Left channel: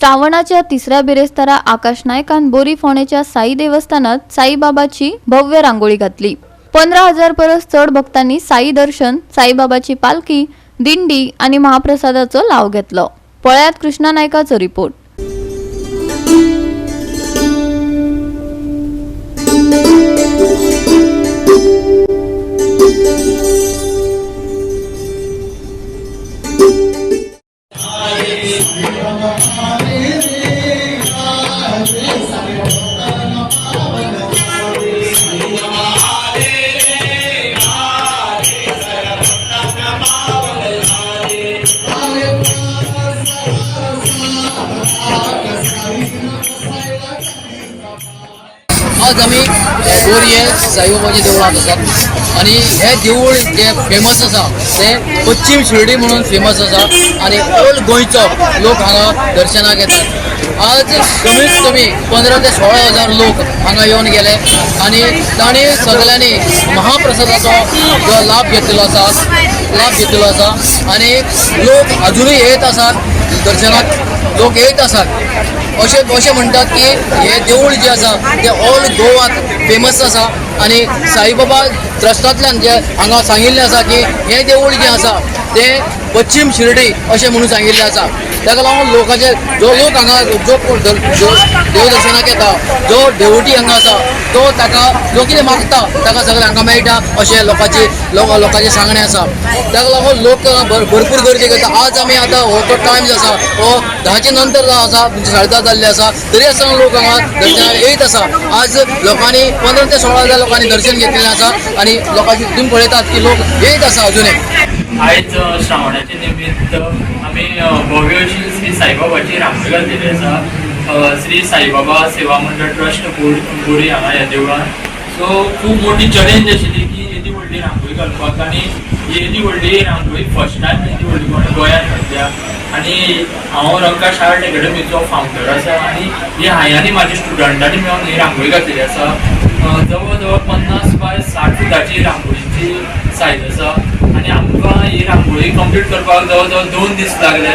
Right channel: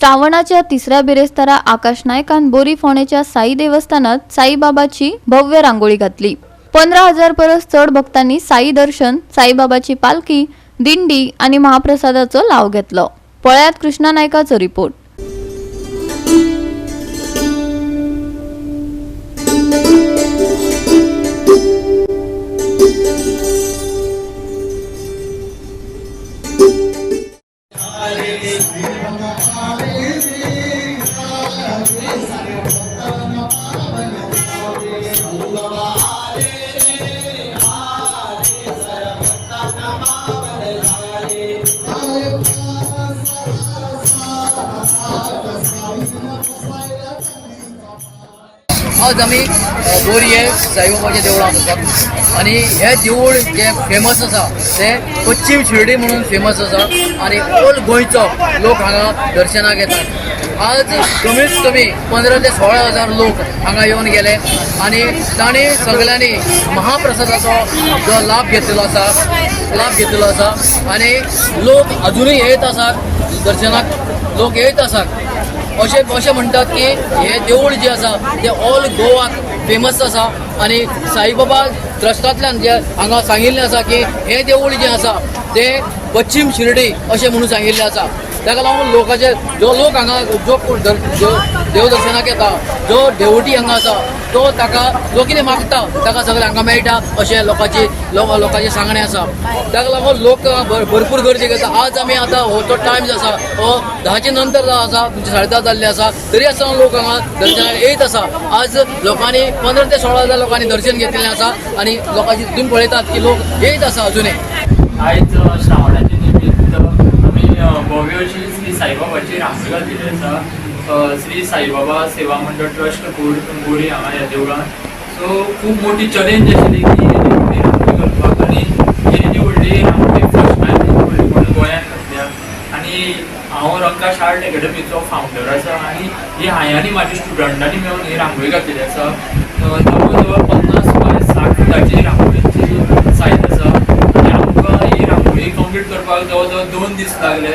श्रावणाच्या तिसऱ्या बिरेस्तारा आकाश नायकान बोरी फोंडेच्या साई देवस्थानात साईबाबाची भव्य रांगोळी घातली। 15,000 परस चढ भक्तांनी साई दर्शन, साईबाबाची पालखी, दिंडी आणि महाप्रसादाचो लाव घेतलो। पळयात कृष्णा नायकाचो रिपोर्ट। आज आम्ही बोरये साईबाबाचे देवळांत आसात आणि हे देऊळ जे फेमस आसा ते पश्चिम शिर्डी म्हणून फेमस आसा आणि ऑल गोंयचो लोक हांगा दर्शनाक येतात। आज कमीत कमी 15 ते 16,000 लोक हांगा येवन गेले आणि तांणी सगळ्यांनी महाप्रसादाचो जो लाभ घेतलेलो आसा आणि लोक अजूनही येत आसात दर्शनाक लोक येत आसात। अशें म्हणटात की हे देऊळ जे आसा ते ऑल गोवाक फेमस आसा आणि साईबाबा ट्रस्टांतल्यान जे हांगा सांगिल्लें आसा की हे देऊळ जे आसा ते पश्चिम शिर्डी अशें म्हणून सांगिल्लें आसा। ताका लागून लोकांचे जो लोक हांगा जो देव दर्शनाक येता, जो देवटी हांगा आसा तो ताका जो कितें मागता ताका सगळें हांगा मेळटा अशें लोकांचे सांगणें आसा। ताका लागून लोक भरपूर गर्दी करता। आज आमी आतां हो तो टायम जो आसा हो 10चे नंतर आसा, 10:30 जाल्ले आसा, तरी आसतना लोक हांगा दर्शनाक येत आसा। आज लोकांनी 15 ते 16,000 लोकांनी दर्शन घेतलेलें आसा आणि लोकांची तुम्ही पळयतात की लोक येत आसा अजूनही। आयज श्रावणाचे निमित्त आमी भव्य अशी श्री साईबाबाची रांगोळी घातलेली आसा। श्री साईबाबा सेवा मंडळ ट्रस्ट बोरी हांगा ह्या देवळान। सो खूब मोठी चॅलेंज आशिल्ली की येदी व्हडली रांगोळी घालपाक आणि येदी व्हडली रांगोळी फर्स्ट टायम गोंयांत घातल्या आणि हांव रंकाश आर्ट एकेडमीचो फावंडर आसा आणि ही हांवें म्हाज्या स्टुडंटांनी मेळून ही रांगोळी घातलेली आसा। जवळ जवळ 50 बाय 60 फुटाची रांगोळीची सायज आसा आणि आमकां ही रांगोळी कंप्लीट करपाक जवळ जवळ 2 दीस लागले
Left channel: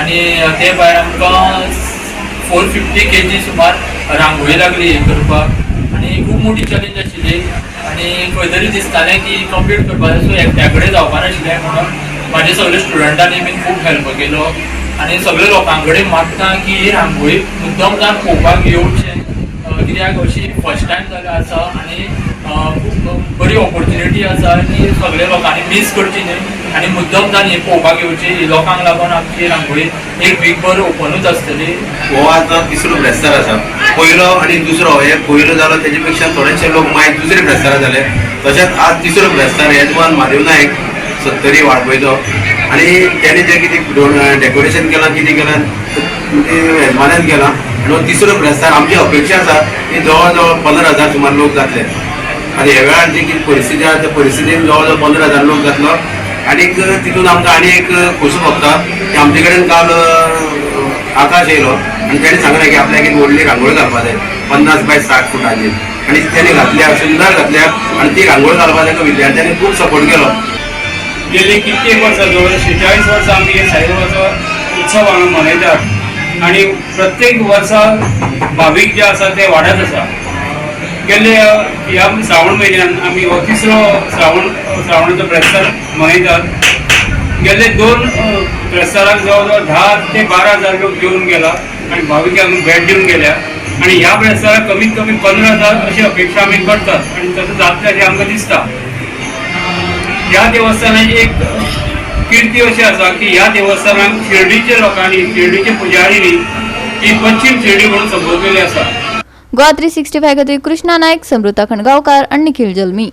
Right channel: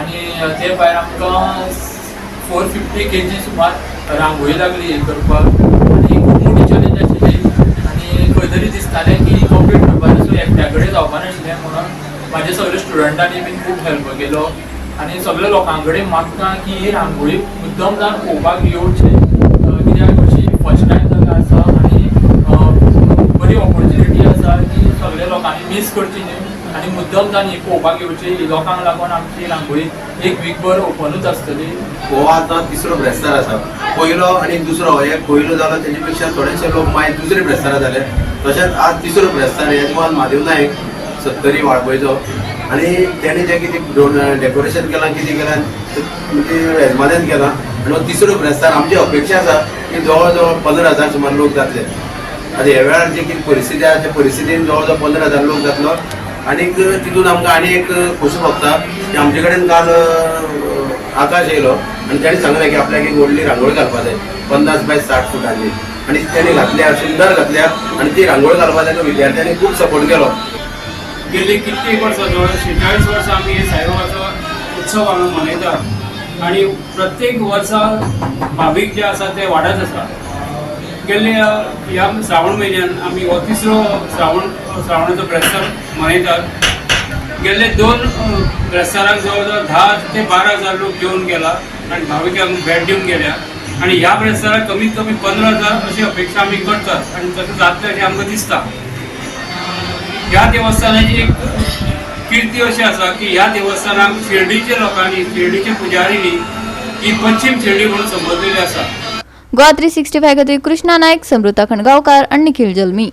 आणि ते भायर आमकां 450 kg सुमार रांगोळी लागली हे करपाक आणि खूब मोठी चॅलेंज आशिल्ली आणि खंय तरी दिसतालें की कंप्लीट करपाक सो एकट्या कडेन जावपा नाशिल्लें म्हणून म्हाजे सगळे स्टुडंटांनी बीन खूब हेल्प केलो आणि सगळे लोकां कडेन मागता की ही रांगोळी मुद्दम जावन पळोवपाक येवचें कित्याक अशी फर्स्ट टायम जागा आसा आणि बरी ऑपॉर्च्युनिटी आसा की सगळे लोकांनी मिस करची न्ही आणि मुद्दम जावन ही पळोवपाक येवची। लोकांक लागून आमची रांगोळी एक वीकभर ओपनूच आसतली। हो आजचो तिसरो ब्रेस्तार आसा। पयलो आणि दुसरो हे पयलो जालो तेजे पेक्षा थोडेशे लोक मागीर दुसरे ब्रेस्तारा जाले। तशेंच आज तिसरो ब्रेस्तार येजमान म्हादेव नायक 70 वाळपयचो आणि त्याने जे कितें डेकोरेशन केलां कितें केलां ते येजमानान केलां आणि हो तिसरो ब्रेस्तार आमची अपेक्षा आसा की जवळ जवळ 15,000 सुमार लोक जातले। आनी ह्या वेळार जी कितें परिस्थिती आसा त्या परिस्थितीन जवळ जवळ 15,000 लोक जातलो आणि तितून आमकां आनी एक खोशी भोगता की आमचे कडेन काल आकाश येयलो आणि ताणें सांगलें की आपल्याक एक व्हडली रांगोळी घालपाक जाय 50 बाय 60 फुटांची आणि ताणें घातल्या सुंदर घातल्या आणि ती रांगोळी घालपाक ताका विद्यार्थ्यांनी खूब सपोर्ट केलो। गेली कित्येक वर्सां जवळ 46 वर्सां आमी हे साईबाबाचो उत्सव आमी मनयतात आणि प्रत्येक वर्सा भाविक जे आसा ते वाडत आसा। गेले ह्या श्रावण म्हयन्यान आमी हो तिसरो श्रावणाचो ब्रेस्तार मनयतात। गेले 2 ब्रेस्ताराक जवळ जवळ 10 ते 12,000 लोक घेवन गेला आणि भाविकांक भेट दिवन गेल्या आणि ह्या ब्रेस्ताराक कमीत कमी 15,000 अशी अपेक्षा आमी करतात आणि तसं जातलें अशें आमकां दिसता। ह्या देवस्थानाची एक कीर्ती अशी आसा की ह्या देवस्थानाक शिर्डीचे लोकांनी शिर्डीचे पुजारींनी ही पश्चिम शिर्डी म्हणून संबोधलेली आसा। गोवा 365 खातीर कृष्णा नायक, समृता खणगांवकार आणि निखिल जल्मी।